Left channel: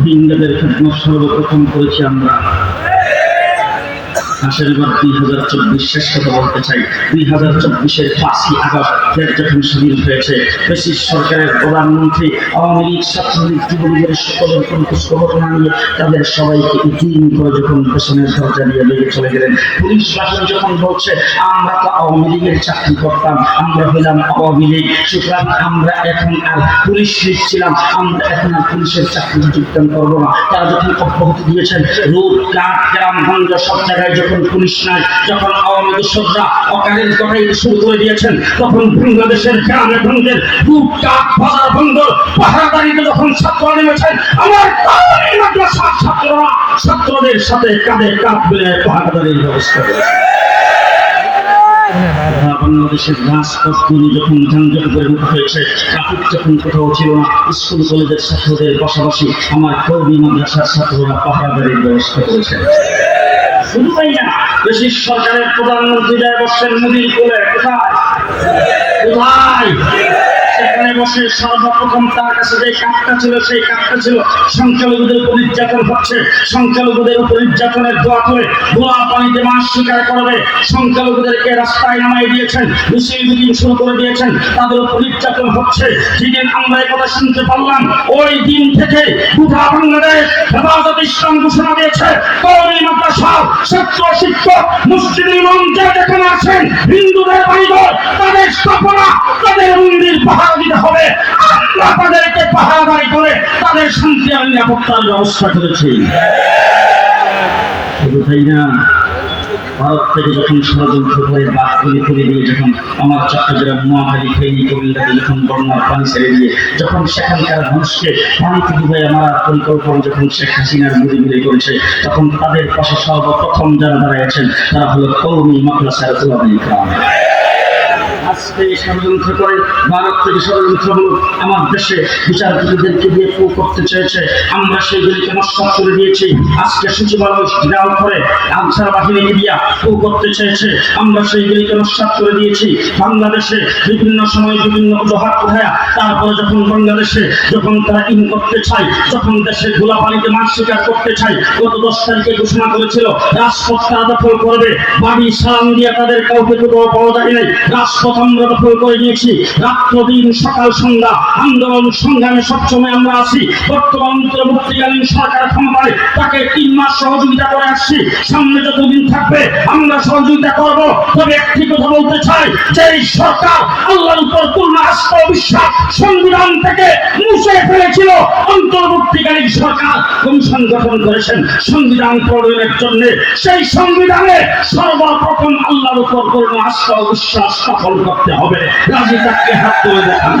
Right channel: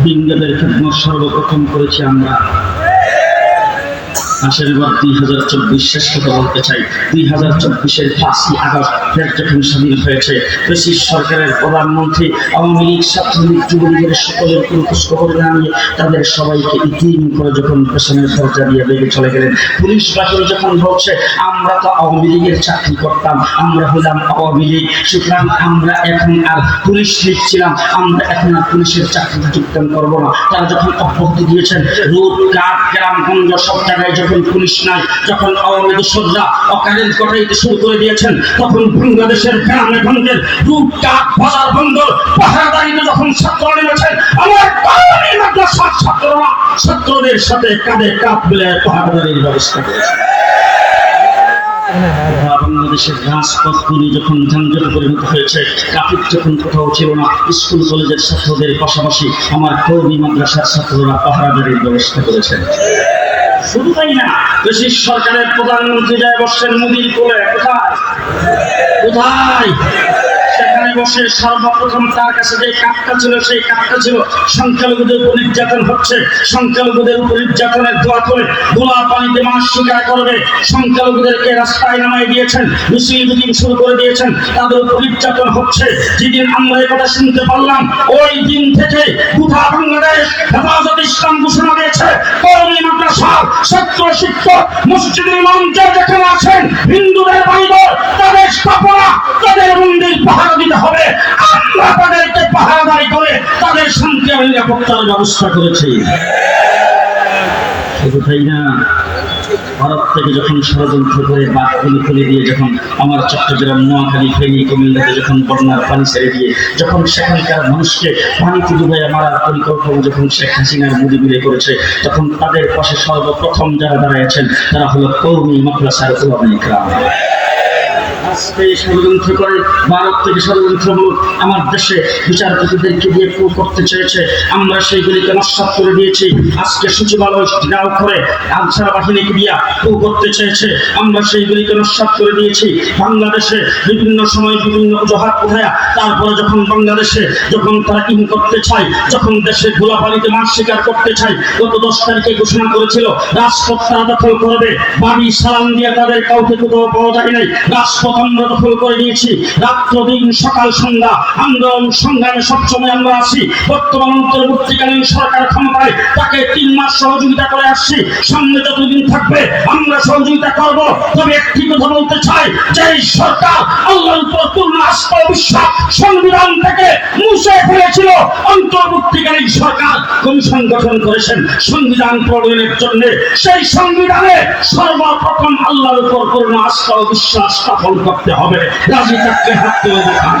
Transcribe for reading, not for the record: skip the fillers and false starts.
রোহিঙ্গাদের খেদমত সর্বপ্রথম করেছি আমরা। আসেন এবার 2024 শেষ কথা বলতে চাই। 2024-এর 5ই আগস্ট দেশ যখন স্বাধীন হয়েছে, ব্রিটিশ সরকারের প্রধানমন্ত্রী আওয়ামী লীগ, ছাত্রলীগ, যুবলীগের সকলের কোনো খোঁজখবর না নিয়ে তাদের সবাইকে ইতিম করে যখন পেছনের দরজা দিয়ে লেগে চলে গেলেন। পুলিশ বাহিনী যখন বলছে আমরা তো আওয়ামী লীগের চাকরি করতাম, আমরা হলাম আওয়ামী লীগ, সুতরাং আমরা এখন আর পুলিশ লীগ ছিলাম, আমরা এখন আর পুলিশের চাকরিতে যোগদান করবো না। তারা যখন অব্যাহতি দিয়েছেন, রোড ঘাট গ্রামগঞ্জ সব জায়গায় যখন পুলিশ নাই, যখন আওয়ামী দোসররা অকারেন্ট কটাইতে শুরু করে দিয়েছেন, তখন বাংলাদেশের গ্রামে গঞ্জের রোড ঘাট বাজার বন্দর পাহারাদারিতে যখন ছাত্ররা নেমেছেন, আমার কওমি মাদ্রাসার ছাত্ররা ছাত্রদের সাথে কাঁধে কাঁধ মিলিয়ে পাহারাদারির ব্যবস্থা করেছে। বাংলাদেশের রাজপথগুলি যখন যানজটে পরিণত হয়েছে, ট্রাফিক যখন কোথাও ছিল না, স্কুল কলেজের ছাত্রদের পাশাপাশি আমার কওমি মাদ্রাসার ছাত্ররা পাহারাদারির ব্যবস্থা করেছেন। শুধু তাই না, ব্রিটিশ সরকারের প্রধানমন্ত্রী যায় বসছেন মোদির কোলে। কোথায় কোথায় সেখানে বসে সর্বপ্রথম তার কাছে যে কাঠটা ছিল, সেই কাঠটা ছিল সংখ্যালঘুদের উপর নির্যাতন হচ্ছে, সংখ্যালঘুদের উপর নির্যাতনের দোয়া করে গোলা পানিতে মাছ শিকার করবে, সংখ্যালঘুদেরকে রাস্তায় নামাই দিয়েছেন, মিছিল মিটিং শুরু করে দিয়েছেন, তাদের উপর নির্যাতন হচ্ছে। যেদিন আমরা এই কথা শুনতে পারলাম, ওই দিন থেকে গোটা বাংলাদেশ হেফাজতে ইসলাম ঘোষণা দিয়েছে, কওমি মাদ্রাসা ছাত্র শিক্ষক মসজিদের ইমাম যেখানে আছেন, হিন্দুদের বাড়িঘর তাদের স্থাপনা তাদের মন্দির পাহারা দিতে হবে। আমরা তাদেরকে পাহারাদারি করে তাদের শান্তি আর নিরাপত্তার ব্যবস্থা করেছি। শুধু তাই না, ভারত থেকে যখন ষড়যন্ত্র করে বাঁধগুলি খুলে দিয়ে যখন আমার চট্টগ্রাম, নোয়াখালী, ফেনী, কুমিল্লাতে যখন বন্যার পানি ছেড়ে দিয়ে যখন সেখানকার মানুষকে পানিতে ডুবে মারার পরিকল্পনা যখন শেখ হাসিনার মোদি মিলে করেছে, তখন তাদের পাশে সর্বপ্রথম যারা দাঁড়াইছেন তারা হলো কওমি মাদ্রাসার উলামায়ে কেরাম। আজকে ষড়যন্ত্র করে ভারত থেকে ষড়যন্ত্রমূলক আমার দেশে বিচারপতিদেরকে দিয়ে কু করতে চেয়েছে, আমরা সেইগুলিকে নস্যাৎ করে দিয়েছি। আজকে সচিবালয় ঘেরাও করে আনসার বাহিনীকে দিয়া কু করতে চেয়েছে, আমরা সেইগুলিকে নস্যাৎ করে দিয়েছি। বাংলাদেশে বিভিন্ন সময় বিভিন্ন অজুহাত উঠায়া তারপরে যখন বাংলাদেশে যখন তারা ইন করতে চায়, যখন দেশে গোলাপানিতে মাছ শিকার করতে চায়, গত 10 তারিখে ঘোষণা করেছিল রাজপথ তারা দখল করবে, বাড়ি সালাম দিয়ে তাদের কাউকে কোথাও পাওয়া যায় নাই, রাজপথ আমরা দখল করে নিয়েছি। রাত্র দিন সকাল সন্ধ্যা আন্দোলন সংগ্রামে সবসময় আমরা আছি। বর্তমান অন্তর্বর্তীকালীন সরকার ক্ষমতায় তাকে 3 মাস সহযোগিতা করে আসছি, সামনে যতদিন থাকবে আমরা সহযোগিতা করব। তবে একটি কথা বলতে চাই, যে সরকার আল্লাহর উপর পূর্ণ আস্থা ও বিশ্বাস সংবিধান থেকে মুছে ফেলেছিল, অন্তর্বর্তীকালীন সরকার কমিশন গঠন করেছেন সংবিধান প্রণয়নের জন্য। সেই সংবিধানে সর্বপ্রথম আল্লাহর উপর পূর্ণ আস্থা ও বিশ্বাস স্থাপন করতে হবে। রাজি থাকলে হাত তুলে দেখান।